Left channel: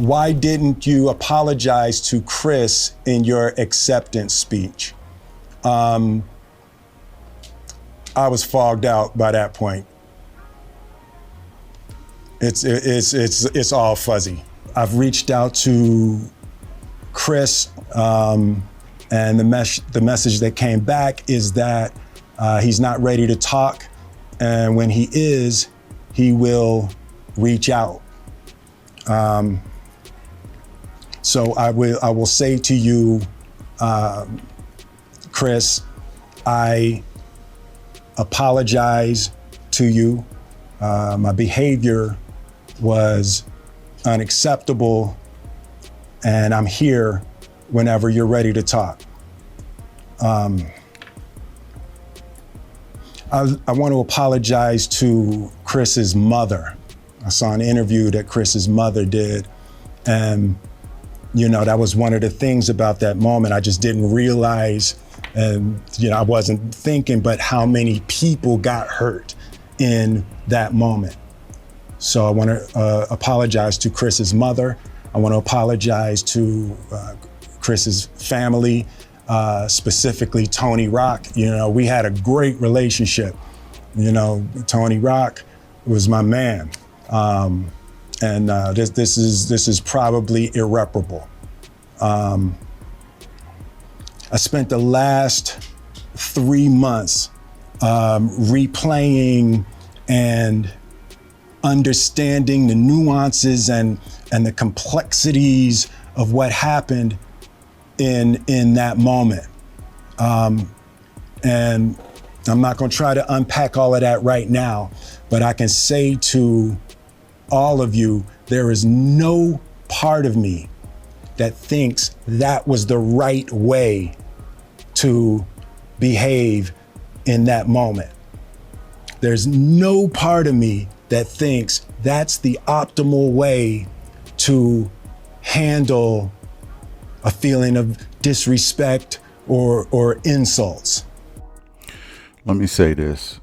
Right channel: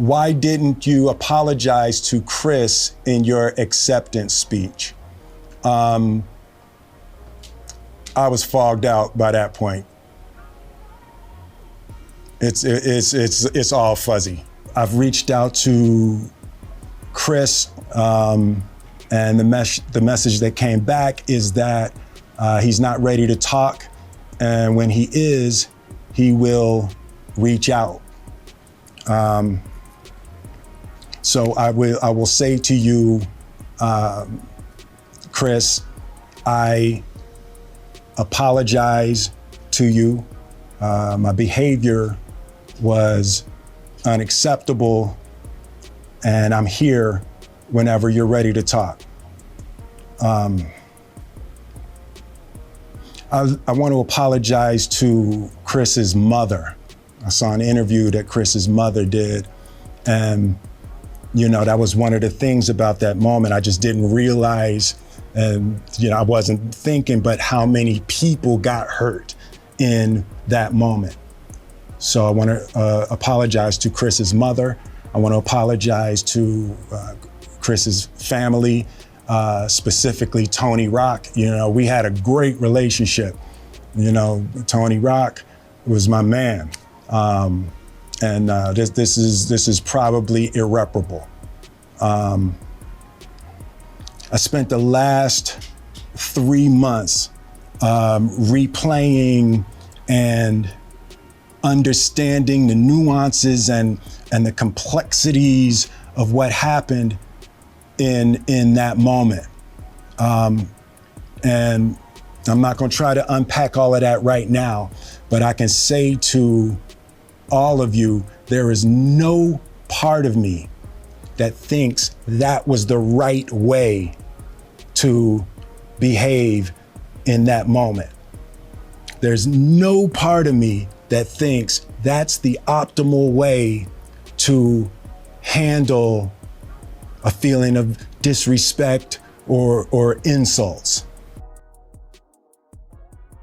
why didn't you apologize to Chris in your acceptance speech? I was fogged out by that point. It's all fuzzy. I've reached out to Chris, and the message that came back is that he's not ready to talk, and when he is, he will reach out. So I will say to you, Chris, I apologize to you. My behavior was unacceptable, and I'm here whenever you're ready to talk. I want to apologize to Chris's mother. I saw an interview that Chris's mother did, and that was one of the things about that moment. I just didn't realize, and I wasn't thinking, but how many people got hurt in that moment. So I want to apologize to Chris's mother. I want to apologize to Chris's family, specifically Tony Rock. We had a great relationship. Tony Rock was my man. And this is probably irreparable. I spent the last 3 months replaying and understanding the nuances and the complexities of what happened in that moment. And I'm not going to try to unpack all of that right now, but I can say to all of you, there is no part of me that thinks that was the right way to behave in that moment. There's no part of me that thinks that's the optimal way to handle a feeling of disrespect or insults. Let me say this.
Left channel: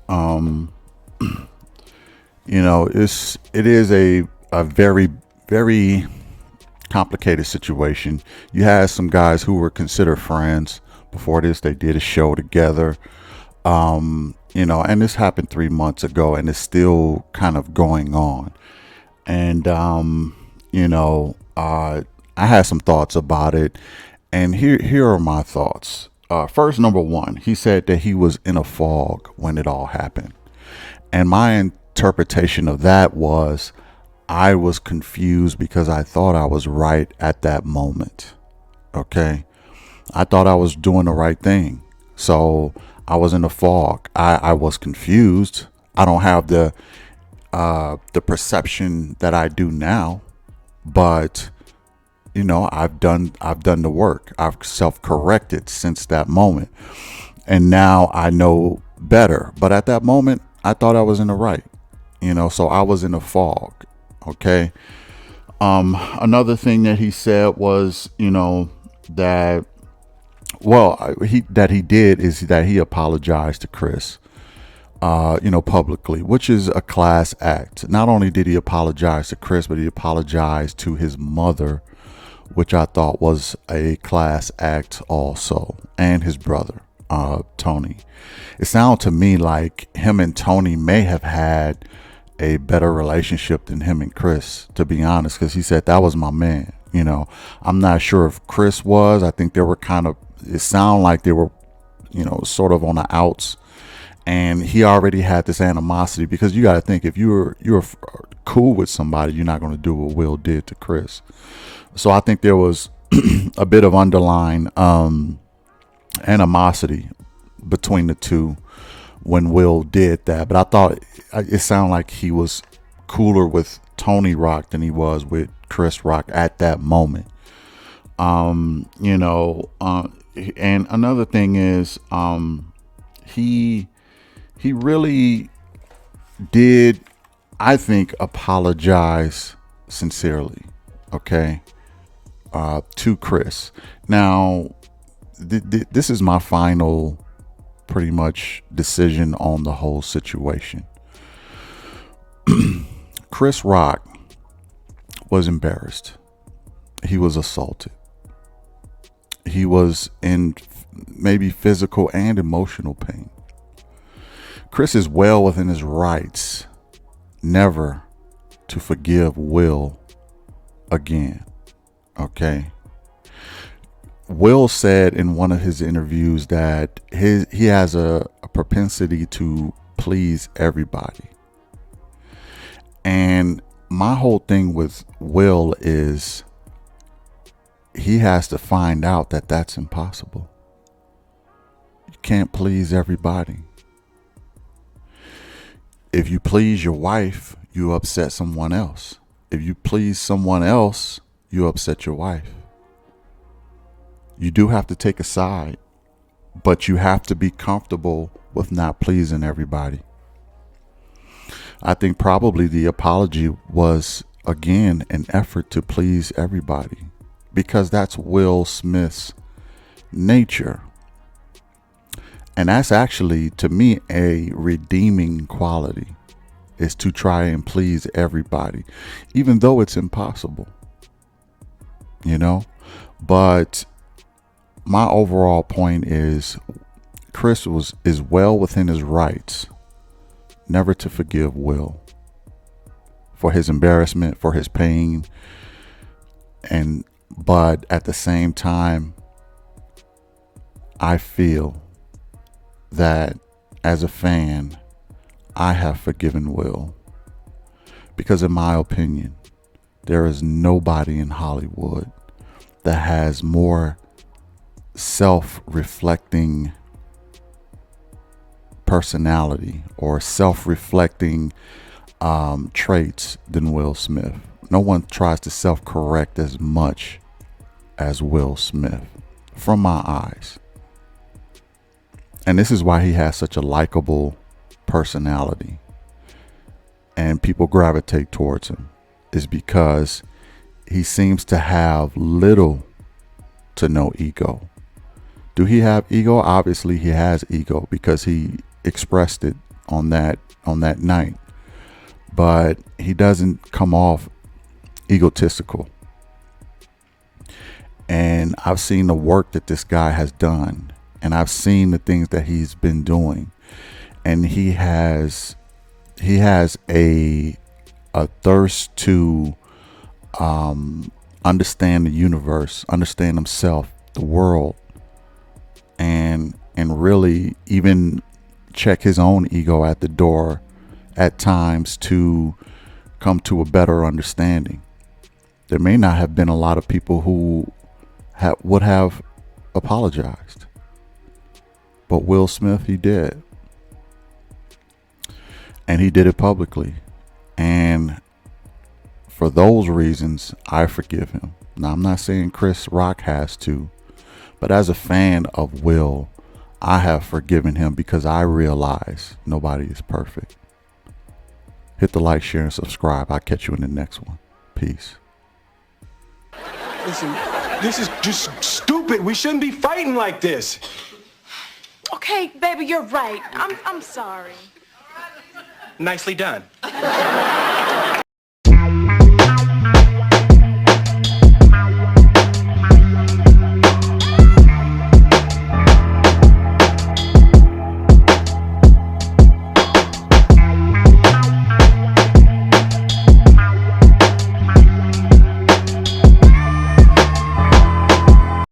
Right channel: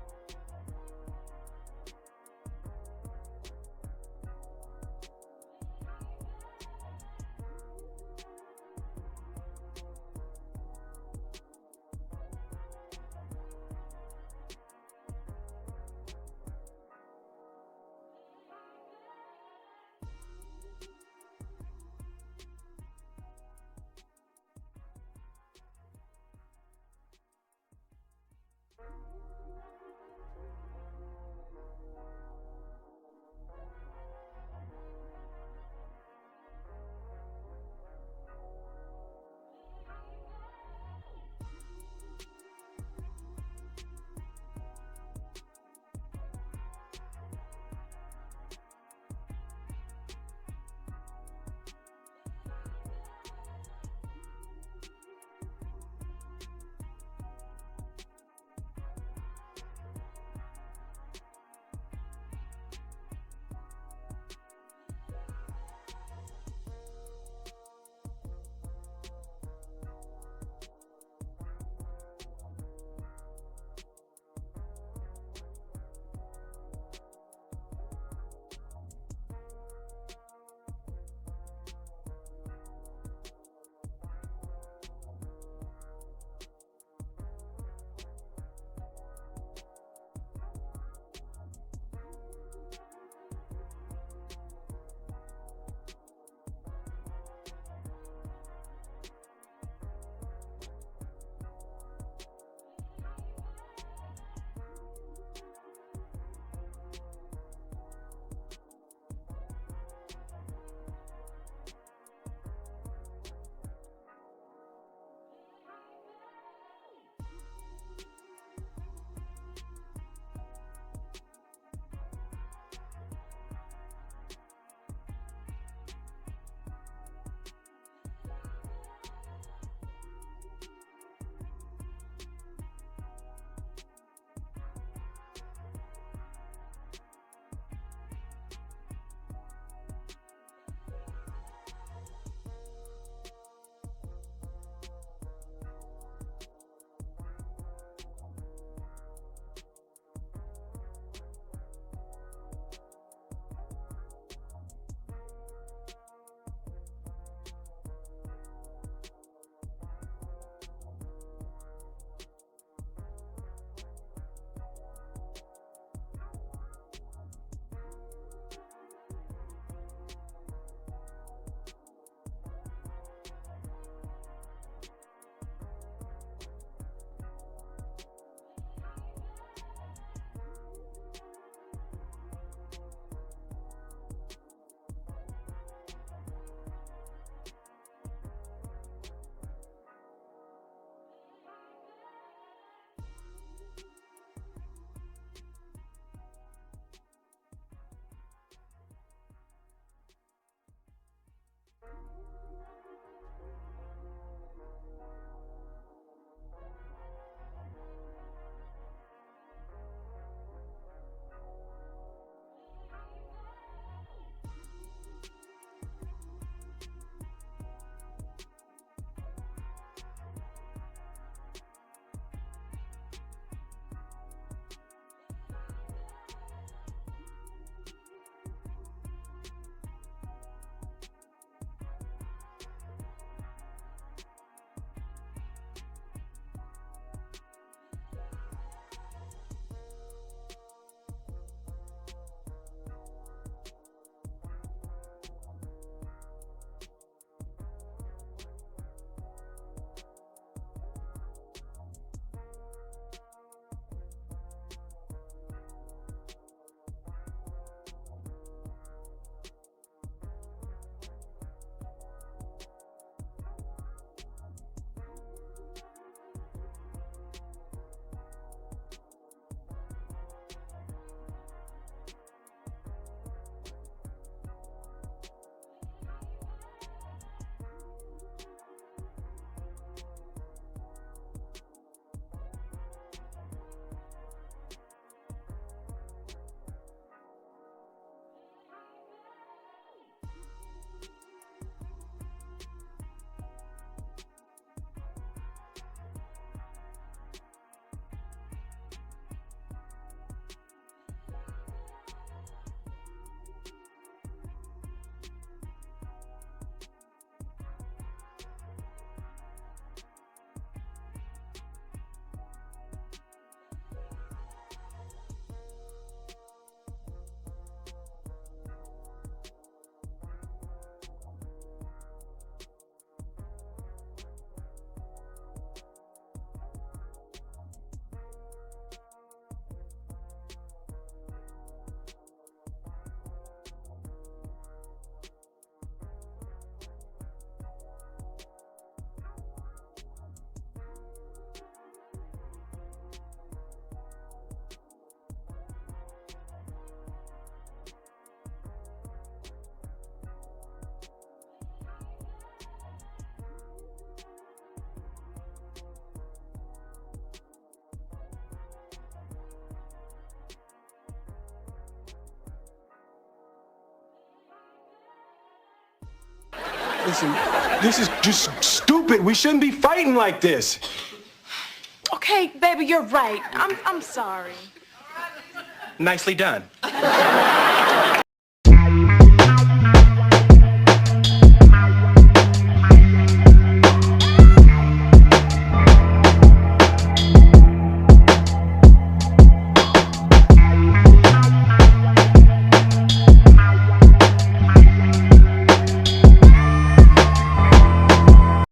It is a very, very complicated situation. You had some guys who were considered friends before this. They did a show together, and this happened 3 months ago, and it's still kind of going on. And I had some thoughts about it, and here are my thoughts. First, number one, he said that he was in a fog when it all happened, and my interpretation of that was I was confused because I thought I was right at that moment. Okay. I thought I was doing the right thing. So I was in a fog. I was confused. I don't have the perception that I do now, but I've done the work. I've self-corrected since that moment. And now I know better. But at that moment, I thought I was in the right. So I was in a fog. Okay. Another thing that he said was, that he did is that he apologized to Chris, publicly, which is a class act. Not only did he apologize to Chris, but he apologized to his mother, which I thought was a class act also, and his brother, Tony. It sounded to me like him and Tony may have had a better relationship than him and Chris, to be honest, because he said that was my man. I'm not sure if Chris was. I think they were it sounded like they were, sort of on the outs, and he already had this animosity, because you got to think, if you're cool with somebody, you're not going to do what Will did to Chris. So I think there was a bit of underlying animosity between the two when Will did that. But I thought it sounded like he was cooler with Tony Rock than he was with Chris Rock at that moment. And another thing is, he really did, I think, apologize sincerely, okay, to Chris. Now, this is my final, pretty much, decision on the whole situation. Chris Rock was embarrassed. he was assaulted. He was in maybe physical and emotional pain. Chris is well within his rights never to forgive Will again. Okay. Will said in one of his interviews that he has a propensity to please everybody. And my whole thing with Will is he has to find out that that's impossible. You can't please everybody. If you please your wife, you upset someone else. If you please someone else, you upset your wife. You do have to take a side, but you have to be comfortable with not pleasing everybody. I think probably the apology was, again, an effort to please everybody, because that's Will Smith's nature. And that's actually, to me, a redeeming quality, is to try and please everybody, even though it's impossible, you know? But my overall point is Chris is well within his rights never to forgive Will for his embarrassment, for his pain. But at the same time, I feel that as a fan, I have forgiven Will, because in my opinion, there is nobody in Hollywood that has more self-reflecting personality or self-reflecting traits than Will Smith. No one tries to self-correct as much as Will Smith, from my eyes. And this is why he has such a likable personality and people gravitate towards him, is because he seems to have little to no ego. Do he have ego? Obviously he has ego, because he expressed it on that night, but he doesn't come off egotistical. And I've seen the work that this guy has done, and I've seen the things that he's been doing, and he has a thirst to understand the universe, understand himself, the world, and really even check his own ego at the door at times to come to a better understanding. There may not have been a lot of people who would have apologized, but Will Smith, he did. And he did it publicly. And for those reasons, I forgive him. Now, I'm not saying Chris Rock has to, but as a fan of Will, I have forgiven him, because I realize nobody is perfect. Hit the like, share, and subscribe. I'll catch you in the next one. Peace. Listen, this is just stupid. We shouldn't be fighting like this. Okay, baby, you're right. I'm sorry. Nicely done.